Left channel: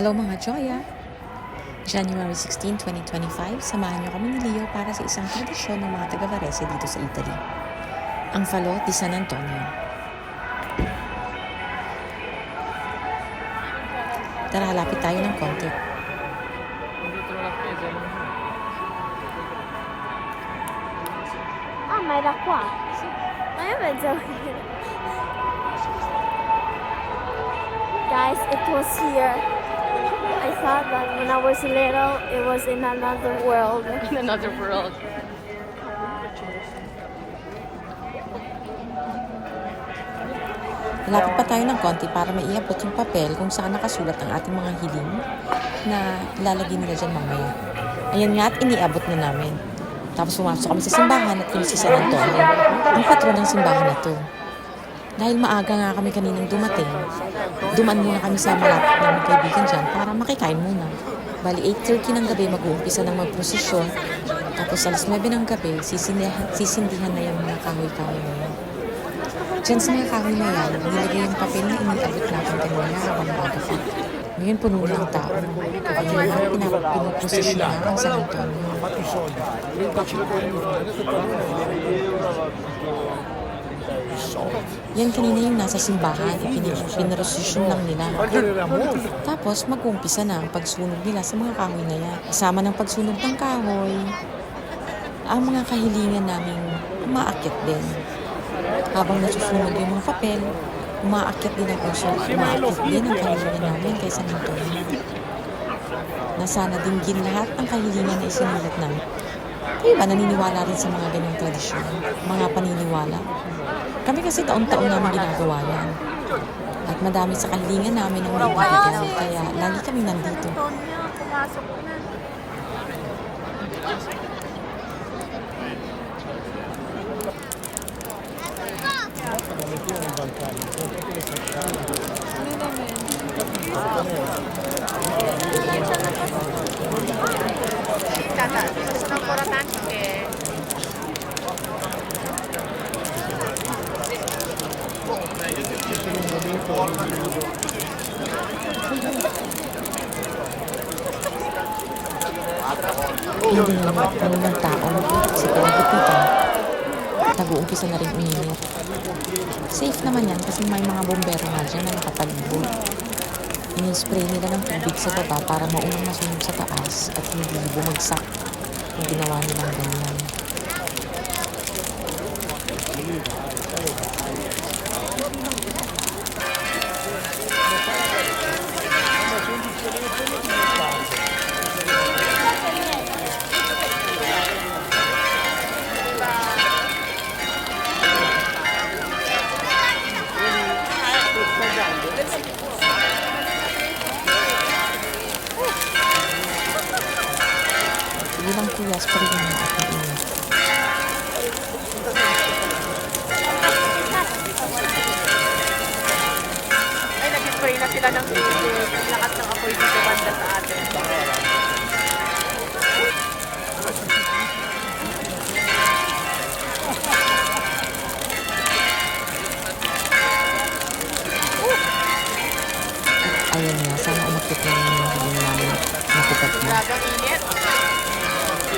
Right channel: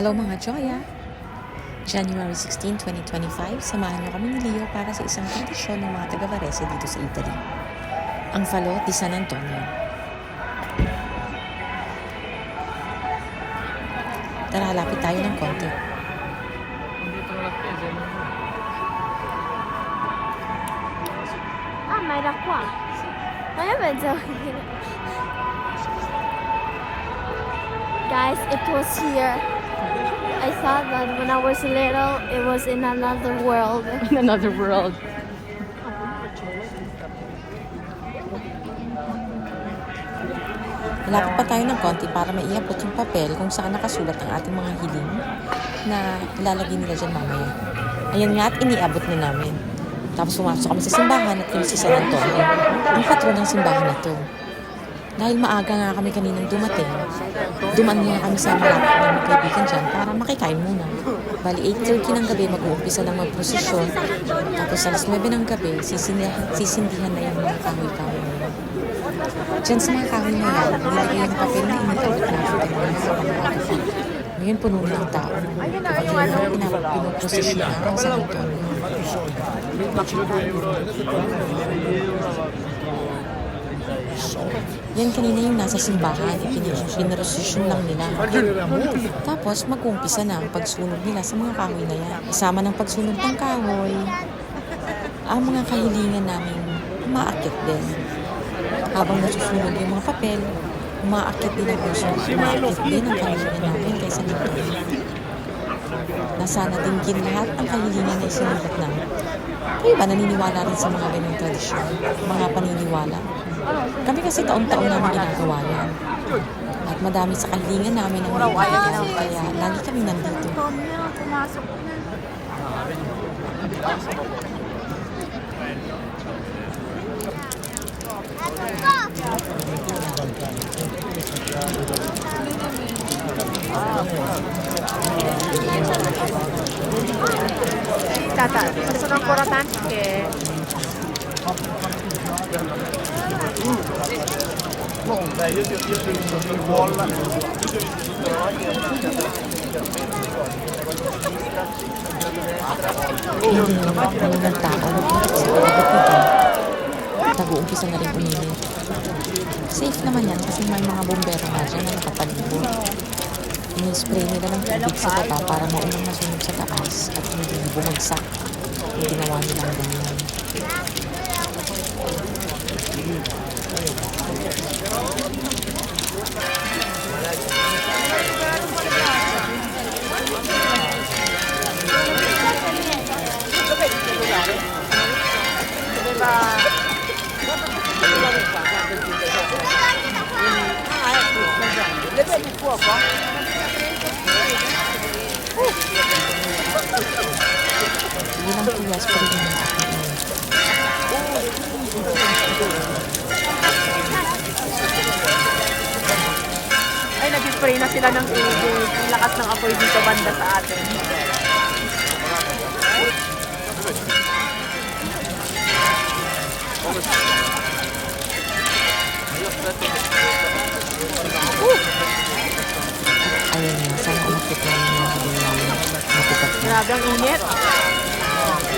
Hello mga Joya! January 16, 2025, samahan niyo kami ni Leo para sa isang tradisyon ng mga taga Varese dito sa Italy. Ang Falo di San Antonio. Tara, halapit tayo ng konti. Ah, ma era qua. Ma pensavo. Guys, it was here. I thought that when I was little, it was in another world. In another world. Lapit pa tayo ng konti para maiabot yung papel kung saan nakasulat ang ating mga hiling na ilalagay nila dyan mamaya. Ayan nga at iniabot na namin. Tapos pumasok kami sa simbahan at yun si San Antonio, ang patron ng simbahan na to. Dahil maaga nga kami kaninang dumating, duman muna kami sa malapit namin kaibigan dyan para makikain muna. Bali 8.30 ng gabi mag-uumpisa ng magprosesyon, tapos alas 9 ng gabi sisindihan, sisindihan na yung mga kahoy-kahoy na yan. Diyan sa mga kahoy na yan, nilagay yung papel na iniabot natin kanina habang maaga pa. Ngayon puno ng tao. Kaya nga pinoprosesyon na ang San Antonio. Yan kanina yung nasa simbahan, ipin- pinarosesyon lang nila. Tapos mag-uumpisa na ang pagsunog nila sa mga kahoy na yan. Kasama ng pagsunog ng kahoy, ang mga kahilingan namin umaakyat din. Habang nasusunog yung mga papel, umaakyat din ang uso, umaakyat din ang kahilingan namin kay San Antonio. Na sana dinggin lahat ang kahilingan na isinulat namin. Kayo ba naniniwala rin sa mga ganyang tradisyon? Mga paniniwala? Kami kasi taon-taon namin ginagawa yan. At madami sa kahilingan namin ang naibibigay, kaya lagi kami nandito. Antonio, pumasok na. Tata, ci sono ancora tante. Hindi na naman puno ng tao sa palibot nito. Nag-uumpisa na rin uminit. Safe naman yan kasi may mga bombero nga dyan na nakapalibot. Ini-spray nila ng tubig sa baba para maunang masunog sa taas at hindi bumagsak yung ginawa nilang ganyan. Sige lang kuya, spray mo yung aking init. Ay, nag-spray na sila ng tubig. Ang lakas ng apoy dito banda sa atin. Ayun nga, sana umakit lang yung mga hiling namin. Matupad na. Grabe ang init.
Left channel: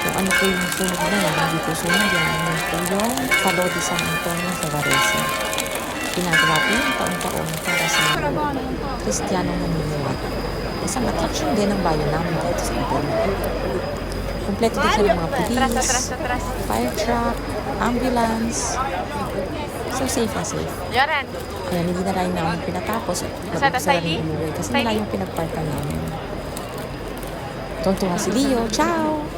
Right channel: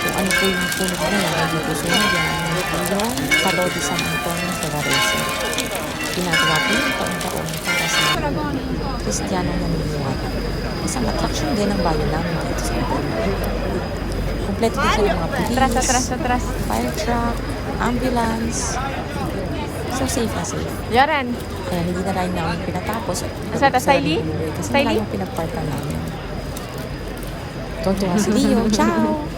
kung ano po yung sunog na yan, hindi po sunog yan, yun po yung Falo de San Antonio sa Varese. Ginagawa po yung taon-taon para sa mga Kristiyanong naniniwala. Isang attraction din ng bayan namin dito sa Italy. Kompleto din siya ng mga police, fire truck, ambulance. So safe na safe. Yaran. Ayan, hindi na rin namin pinatapos rin umuwi kasi wala yung pinagparkan namin. Tontuwa si Leo. Ciao!